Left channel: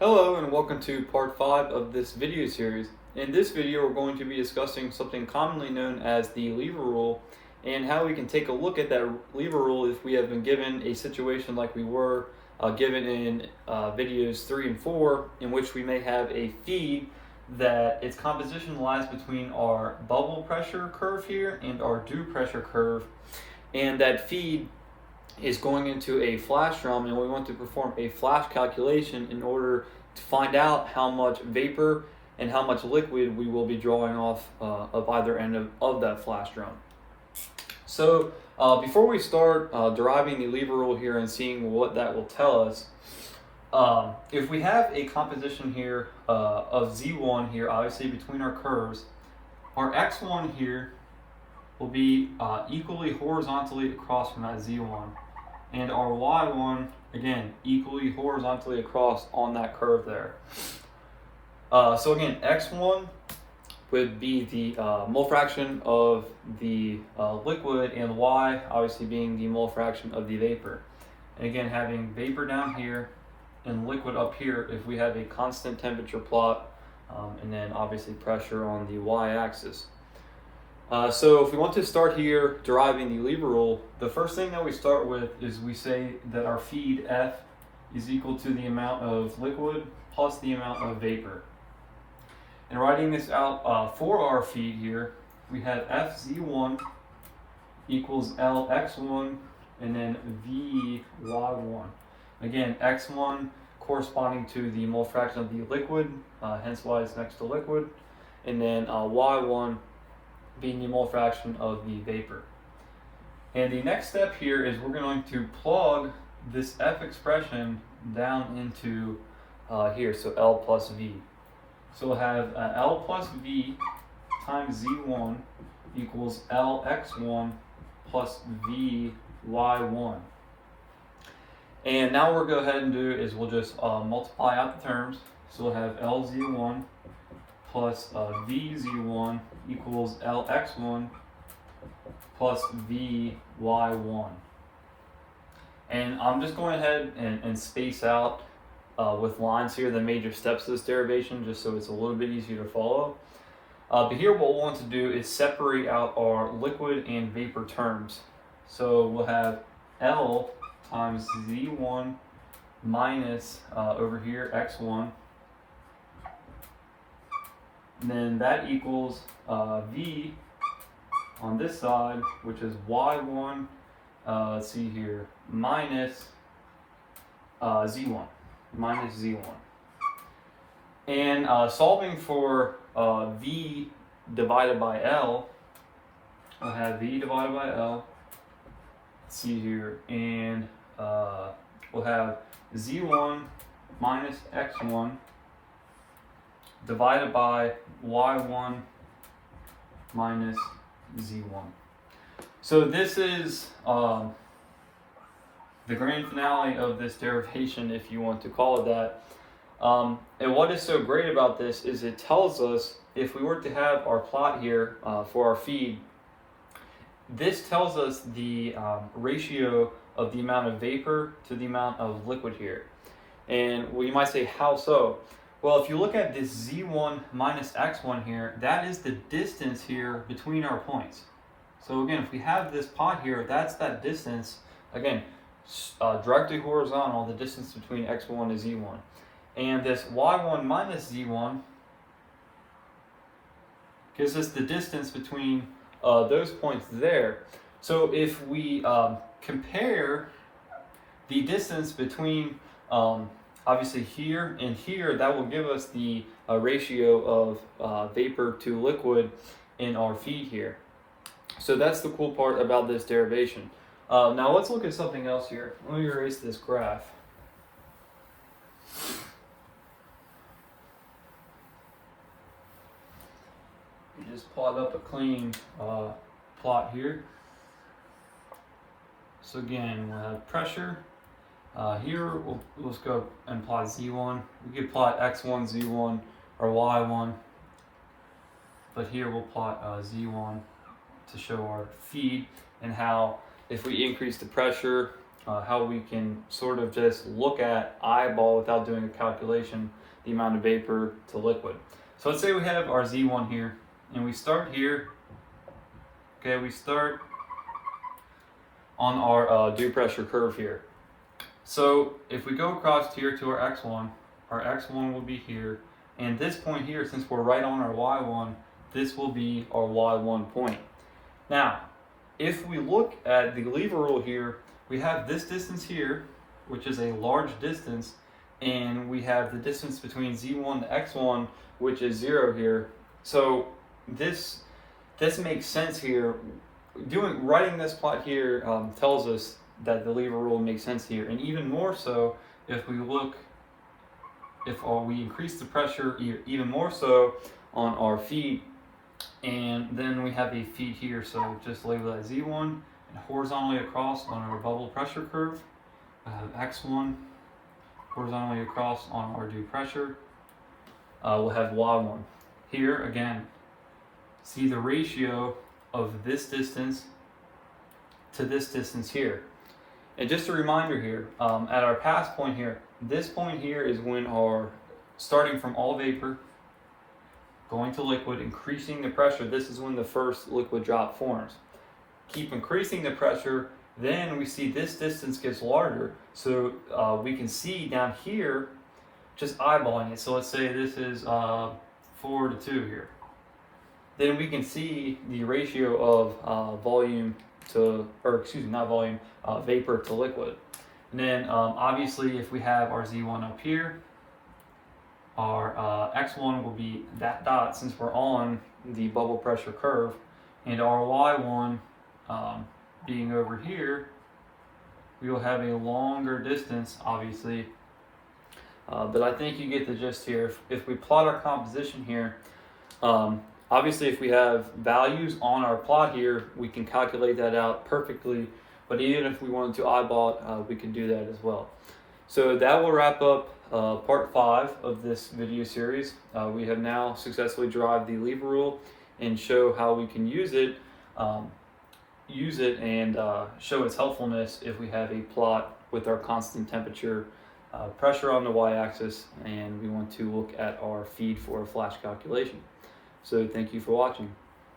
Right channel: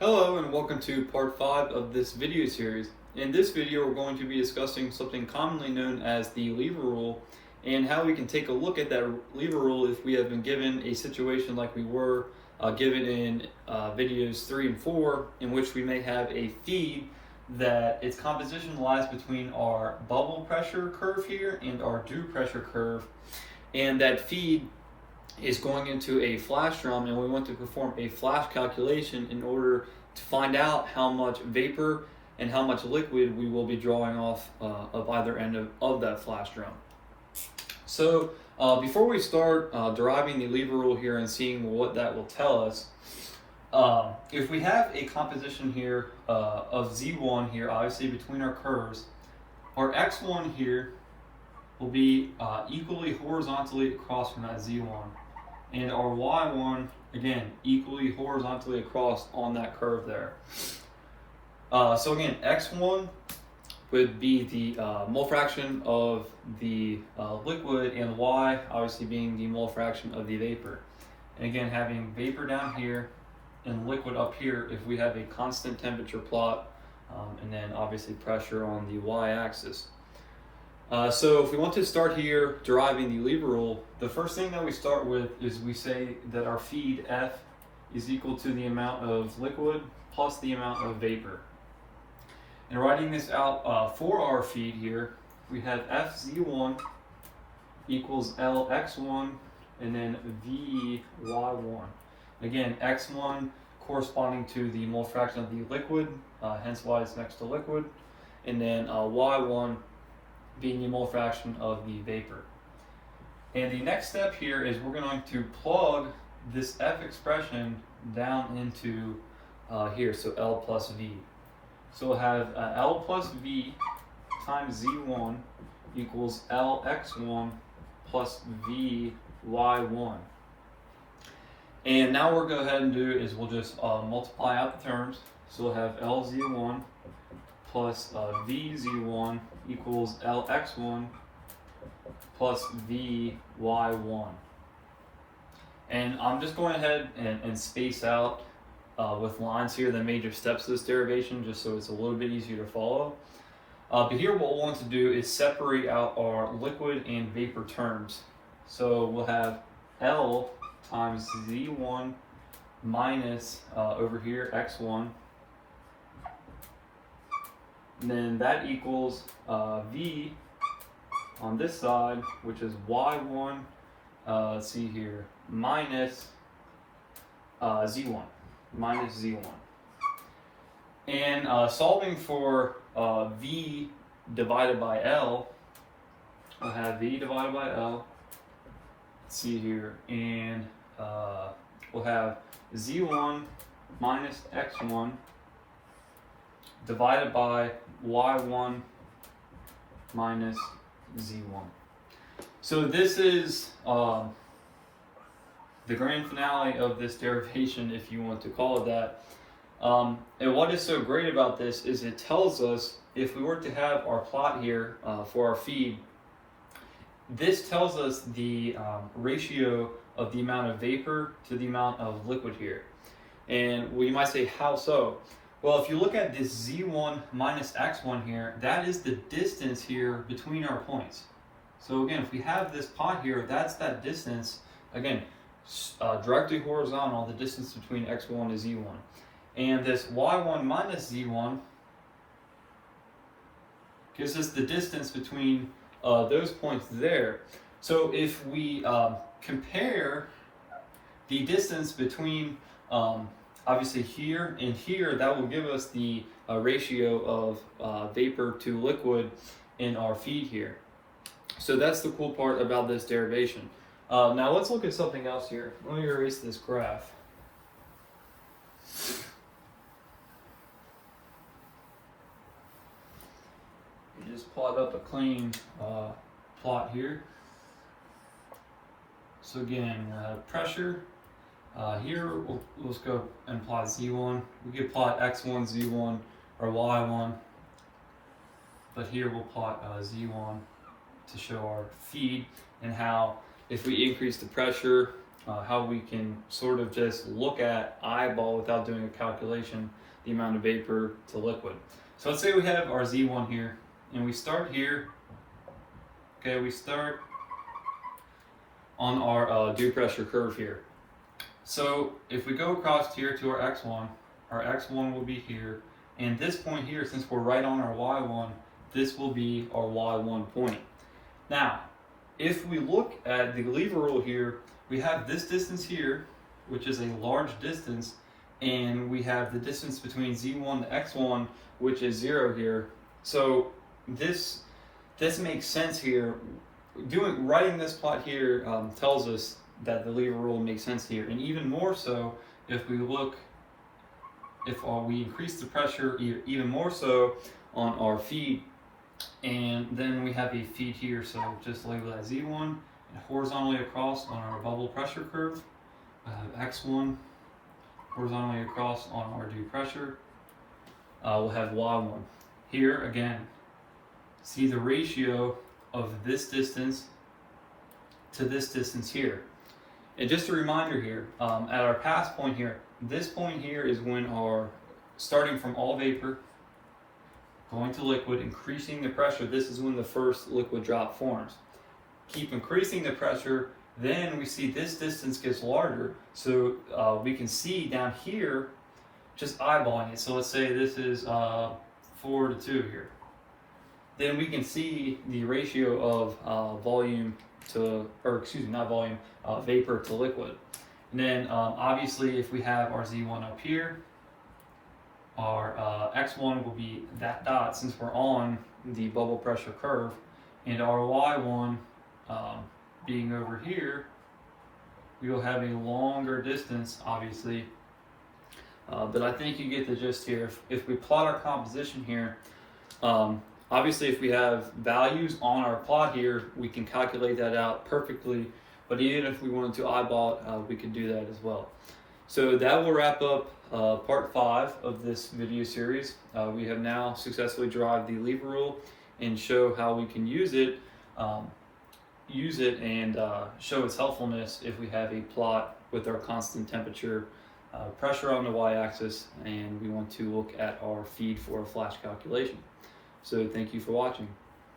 Hello and welcome to part 5 of this video series. In this video we're going to be discussing something commonly known as the lever rule and how we can take a look at that lever rule if we have been given a situation like we were given in videos 3 and 4, in which we may have a feed that its composition lies between our bubble pressure curve here and our dew pressure curve, and that feed is going into a flash drum, and we want to perform a flash calculation in order to find out how much vapor and how much liquid we will be drawing off of either end of that flash drum. So before we start deriving the lever rule here and seeing what that will tell us, if we have a composition here of Z1 here, obviously between our curves, our X1 here will be equally horizontally across from that Z1. And our Y1, again, equally horizontally across on that curve there. So again, X1 would be the mole fraction of the liquid, and Y obviously being the mole fraction of the vapor. And again, having vapor down here and liquid up here if we have a constant temperature plot, and then obviously pressure on the Y-axis. So if we want to start here deriving the lever rule, the first thing that we start with is we say that our feed F is equal to the amount of liquid plus the amount of vapor. And writing this out for our feed here, we have FZ1 equals LX1 and then VY1. Again, X1 corresponding to the mole fraction of the liquid, hence why it's next to liquid, and then Y1 being the mole fraction of the vapor. And the next step here is we're going to plug this F expression down into here, so L plus V. So we'll have L plus V times Z1 equals LX1 plus VY1. And now what we'll go ahead and do is we'll just multiply out the terms. So we'll have LZ1 plus VZ1 equals LX1 plus VY1. And I'm just going ahead and space out with lines here the major steps of this derivation, just so it's a little bit easier to follow. But here what we'll want to do is separate out our liquid and vapor terms. So we'll have L times Z1 minus over here X1. And then that equals V on this side, which is Y1, let's see here, minus Z1, minus Z1. And solving for V divided by L, I'll have V divided by L, let's see here, and we'll have Z1 minus X1 divided by Y1 minus Z1. So this is the grand finale of this derivation, if you want to call it that. And what is so great about this is it tells us, if we were to have our plot here for our feed, this tells us the ratio of the amount of vapor to the amount of liquid here. And well, you might say, how so? Well, if you look at this Z1 minus X1 here, that is the distance here between our points. So again, if we have this pot here, that's that distance, again, directly horizontal, the distance between X1 and Z1. And this Y1 minus Z1 gives us the distance between those points there. So if we compare the distance between obviously here and here, that will give us the ratio of vapor to liquid in our feed here. So that's the cool part about this derivation. Now let's look at something else here. Let me erase this graph. You just plot up a clean plot here. So again, we'll have pressure. Here we'll just go and plot Z1. We could plot X1, Z1, or Y1. But here we'll plot Z1 to show our feed and how if we increase the pressure how we can sort of just look at eyeball without doing a calculation the amount of vapor to liquid. So let's say we have our Z1 here, and we start here. Okay, we start on our dew pressure curve here. So if we go across here to our X1 will be here, and this point here, since we're right on our Y1, this will be our Y1 point. Now, if we look at the lever rule here, we have this distance here, which is a large distance, and we have the distance between Z1 and X1, which is 0 here. So this makes sense here. Writing this plot here tells us that the lever rule makes sense here, and even more so if we look, we increase the pressure even more so on our feed, and then we have a feed here, so just label that Z1, and horizontally across on our bubble pressure curve, I have X1 horizontally across on our dew pressure. We'll have Y1. Here again, see the ratio of this distance to this distance here. And just a reminder here, at our pass point here, this point here is when our, starting from all vapor, going to liquid, increasing the pressure, this is when the first liquid drop forms. Keep increasing the pressure, then we see this distance gets larger, so we can see down here, just eyeballing it. So let's say this is 4 to 2 here. Then we can see the ratio of vapor to liquid. And then obviously if we have our Z1 up here, our X1 will be that dot since we're on the bubble pressure curve, and our Y1 being over here, we will have a longer distance obviously, but I think you get the gist here. If we plot our composition here, obviously if we have values on our plot here, we can calculate that out perfectly, but even if we wanted to eyeball it, we can do that as well. So that will wrap up part 5 of this video series. We have now successfully derived the lever rule and show how we can use it and show its helpfulness if we have a plot with our constant temperature, pressure on the y-axis, and we want to look at our feed for a flash calculation. So thank you for watching.